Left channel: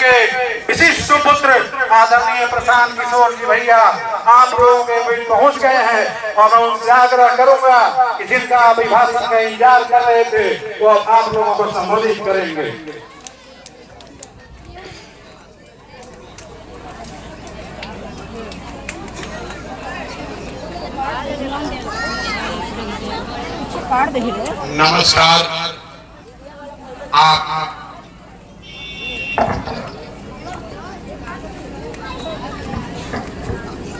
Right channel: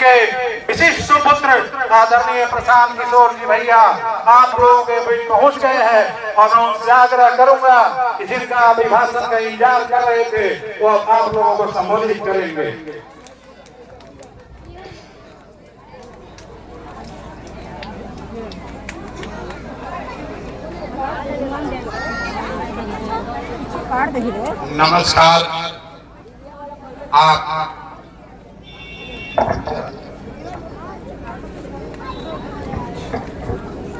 गए विशिष्ट सुपुत्र आदरणीय प्रशांत किशोर जी भैया आप लोगों के बीच पहुंच गए हैं और मैं उनसे आग्रह करूंगा कि जिनका अभिभाषण का इंतजार कर रहे थे वो आप लोगों को संबोधित करेंगे। नमस्कार। आप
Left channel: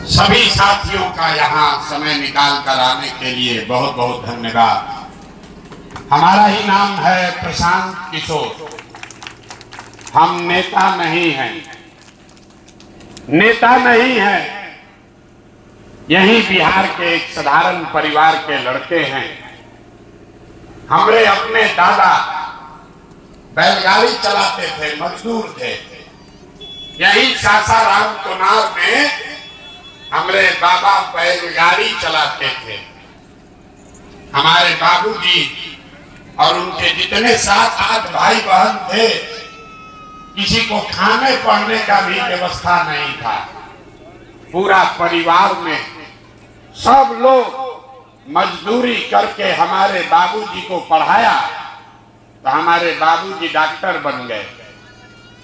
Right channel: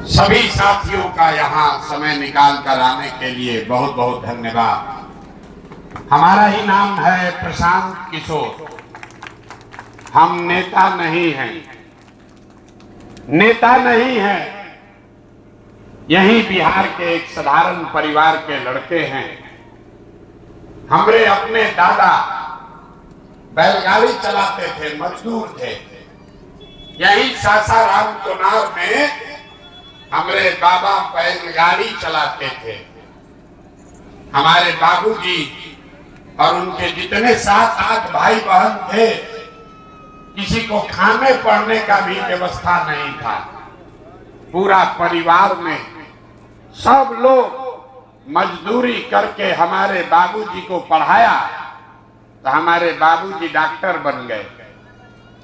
सभी साथियों का यहाँ समय निकाल कर आने के लिए बहुत बहुत धन्यवाद। हमारा ही नाम है प्रशांत किशोर। हम नेता नहीं हैं, यही बिहार के एक साधारण परिवार के लड़के हैं। हमारे अपने दादा बैलगाड़ी चलाते थे, मजदूर थे। यही सासाराम चुनाव में हमारे बाबा बैलगाड़ी चलाते थे। हमारे बाबूजी और उनके जितने 7-8 भाई बहन थे, किसी को खाने पड़ने का भी व्यवस्था नहीं था। पूरा परिवार में सब लोग मजदूरी करके हमारे बाबूजी को पढ़ाया, तो हमारे बाबूजी डॉक्टर बन गए।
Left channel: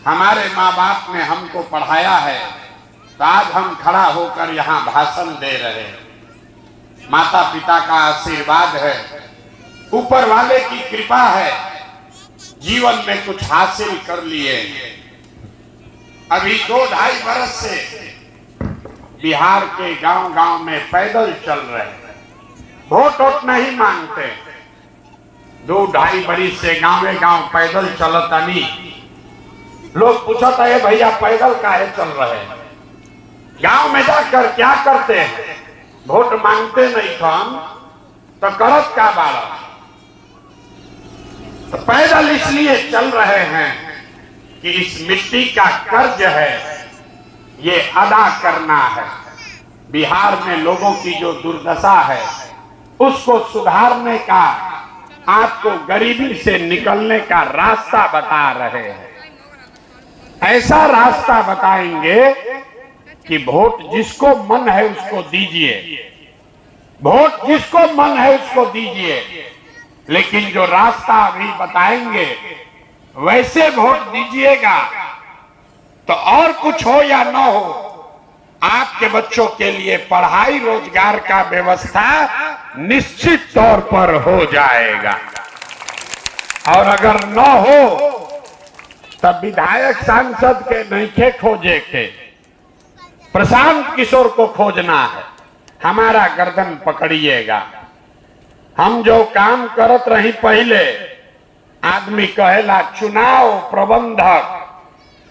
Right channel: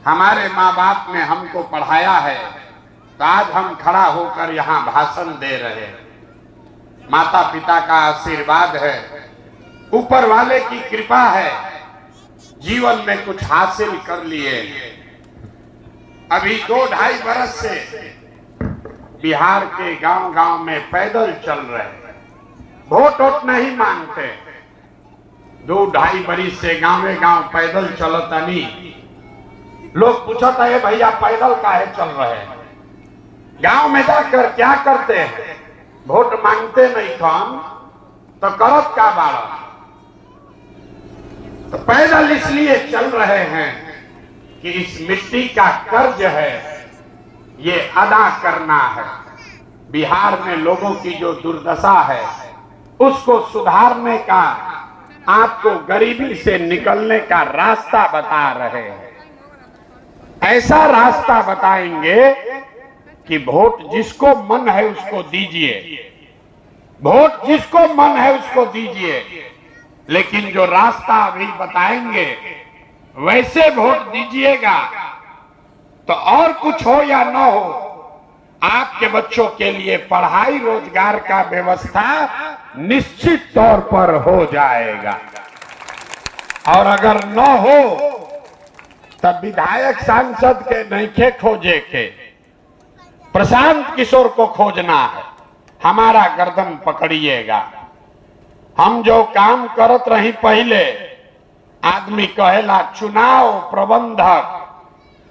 हमारे माँ बाप ने हमको पढ़ाया है, तो आज हम खड़ा होकर यहाँ भाषण दे रहे हैं। माता पिता का आशीर्वाद है, ऊपर वाले की कृपा है, जीवन में कुछ हासिल कर लिए। अभी 2-2.5 बरस से बिहार के गांव-गांव में पैदल चल रहे हैं, वोट नहीं मांगते। 2-2.5 बरस से गांव पैदल चलता नहीं। लोग पूछता है भैया पैदल काहे चल रहे हैं, गांव में जाकर क्या करते हैं? वोट मांगते नहीं तो हम तो करत का बाड़ा। तो पैदल इसलिए चल रहे हैं कि इस मिट्टी का कर्ज है, ये अदा करना है। बिहार में लोगों की जो दुर्दशा है उसको सुधारने का, आपको गरीबी से निकलने का रास्ता बता रहे हैं। ऐसा रास्ता बताएंगे कि वोट जिसको मन है उसको दीजिए, वोट जिसको मन है उसको दीजिए, लेकिन जो रास्ता अभी बताएंगे वैसे वोट दीजिएगा। तो और कुछ हो या ना हो, आपके बच्चों के लिए पढ़ाई रोजगार का व्यवस्था निश्चित तौर पर हो जाएगा। और अगर न हो तब विधायक सांसद के नईखे खोजे के, प्रशांत किशोर को खोजना है। हमारा गर्दन पकड़िएगा। हम जो काम करत रही पहले, आदमी कहेला चुनाव प्रबंधक,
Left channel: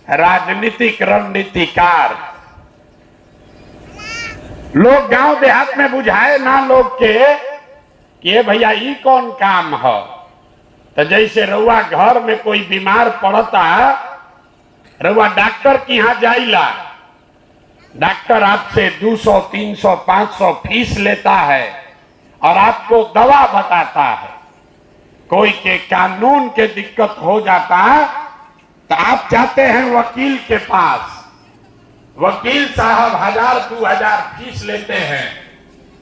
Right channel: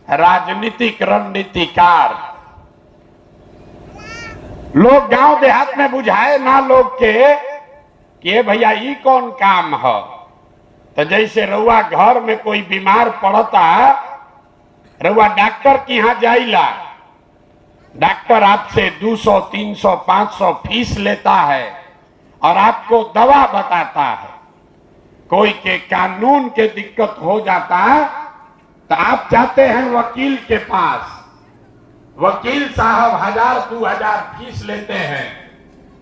राजनीतिक रणनीतिकार। लोग गांव देहात में बुझाए ना लोग के कि भैया ये कौन काम है। तो जैसे रउआ घर में कोई बीमार पड़ता, रउआ डॉक्टर के यहाँ जाइला, डॉक्टर आपसे 200, 300, 500 फीस लेता है और आपको दवा बताता है। कोई के कानून के दिक्कत हो जाता तो आप जाते हैं वकील के पास, वकील साहब 1000-2000 फीस लेते हैं,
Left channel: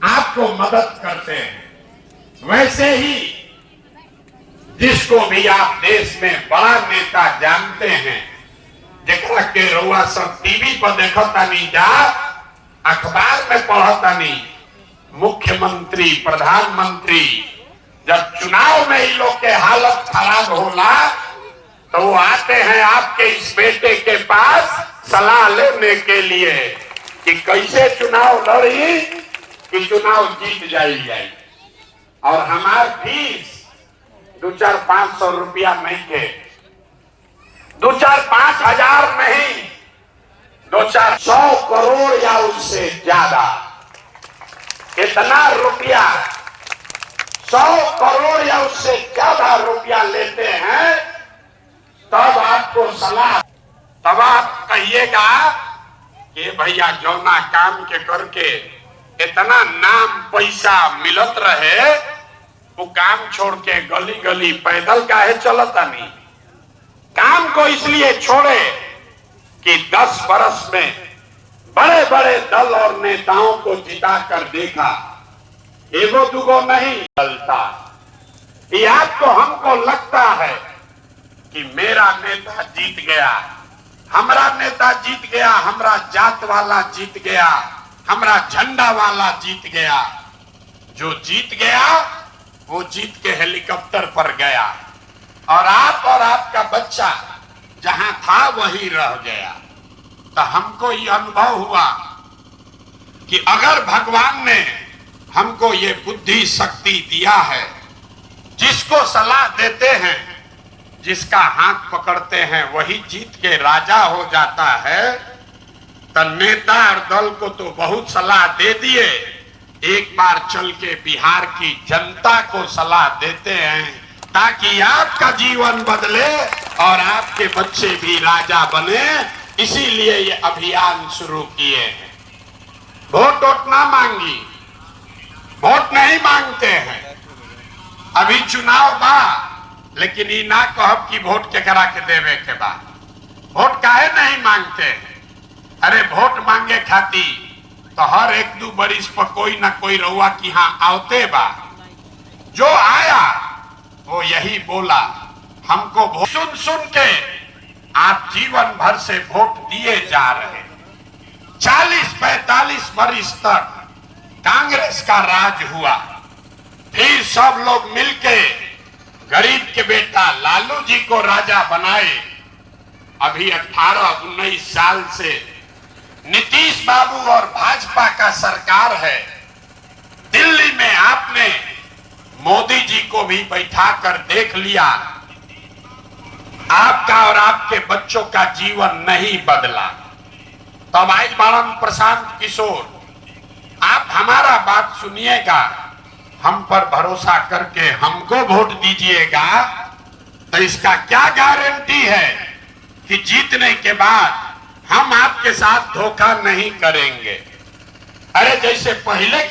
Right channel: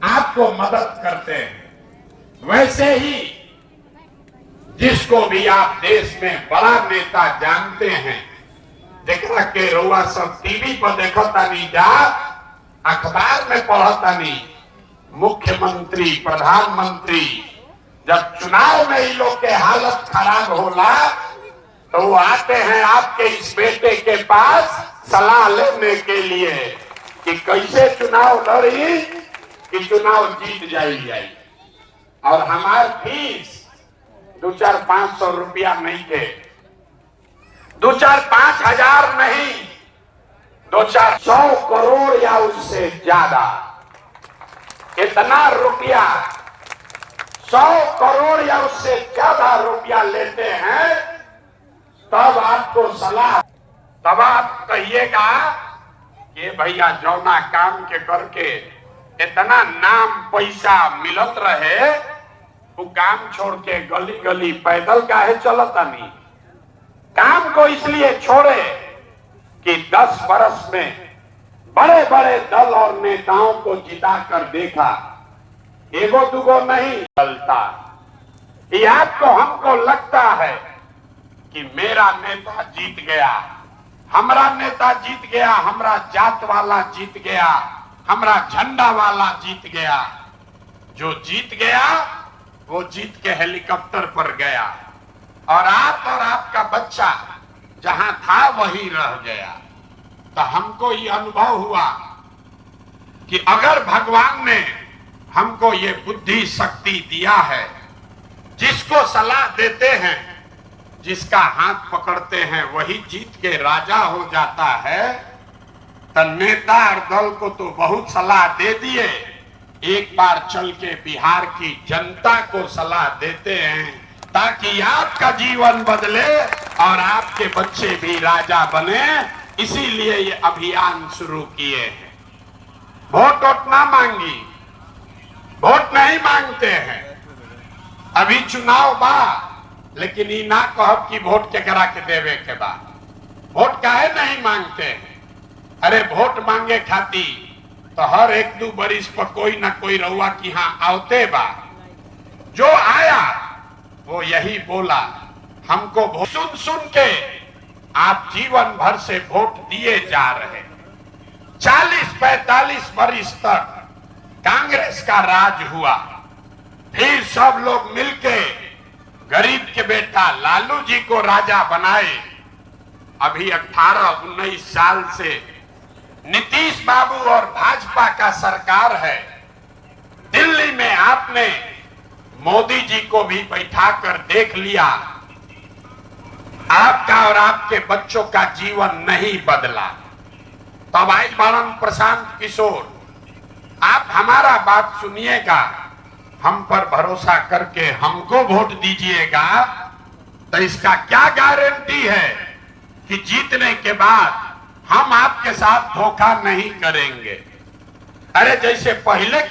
आपको मदद करते हैं। वैसे ही जिसको भी आप देश में बड़ा नेता जानते हैं, जरा के रउआ सब टीवी पर देखता नहीं, जा अखबार में पढ़ता नहीं, मुख्यमंत्री प्रधानमंत्री जब चुनाव में इन लोग के हालत खराब होला तो वो आते हैं आपके इस बेटे के पास सलाह लेने के लिए कि कैसे चुनाव लड़ी कि चुनाव जीत जाए। और हमार फीस 2-4-500 रुपया नहीं थे, 2-4-5 हजार नहीं, 2-4-100 करोड़ या उससे ज्यादा। इतना रुपया 100 करोड़ या उससे ज्यादा रुपया लेते हैं, तब आपको सलाह, तब आप कहिएगा कि भैया जौना काम के करके इतना नाम पैसा मिलत रहे, वो काम छोड़ के गली गली पैदल काहे चलता नहीं। काम को इसलिए छोड़े कि 10 बरस में बड़े बड़े दल और नेताओं को जिताकर देखा, एगो दुगो नहीं चलता। या तो हमको लगता है कि मेरा नेता जीत गया, हमारा नेता जीत गया, हमारा जात वाला जीत गया, हमारा झंडा वाला जीत गया। जो जीत गया वो जीत के हेलीकॉप्टर पर गया और आप और आपका बच्चा जहां था वहीं रह गया। तो हमको ये अनुभव हुआ कि अगर भगवान ने हमको ये बुद्धि शक्ति दिया है, जिसको सलाह देते हैं, जिसका हाथ पकड़ते हैं वही जीत के राजा हो जाता है। तो नेता और दल को तो बहुत सलाह दे दिए, एक बार चल के बिहार की जनता को सलाह देते हैं ताकि आपका जीवन बदले और आपके बच्चे भी राजा बने। इसीलिए ये अभियान शुरू किए हैं। वोट ना मांगी, वोट नहीं मांगते हैं। अभी चुनाव बा, लेकिन ये ना कहब कि वोट के करा के देवे के बाद वोट काहे नहीं मांगते हैं। अरे वोट मांगे खाती तो हर 1-2 बरिस पर कोई ना कोई रउआ की यहाँ आवते बा। जो आया वो यही बोला, हमको वोट सुन सुन के आप जीवन भर से वोट दिए जा रहे। 40-45 बरिस तक कांग्रेस का राज हुआ, फिर सब लोग मिलके गरीब के बेटा लालू जी को राजा बनाए। अभी 18-19 साल से नीतीश बाबू और भाजपा का सरकार है। दिल्ली में आपने मोदी जी को भी बैठाकर देख लिया, आपका और आपके बच्चों का जीवन नहीं बदला। तब आई मानन प्रशांत किशोर, आप हमारा बात सुनिएगा, हम पर भरोसा करके हमको वोट दीजिएगा। तो इसका क्या गारंटी है कि जीतने के बाद हम आपके साथ धोखा नहीं करेंगे। अरे जैसे पहले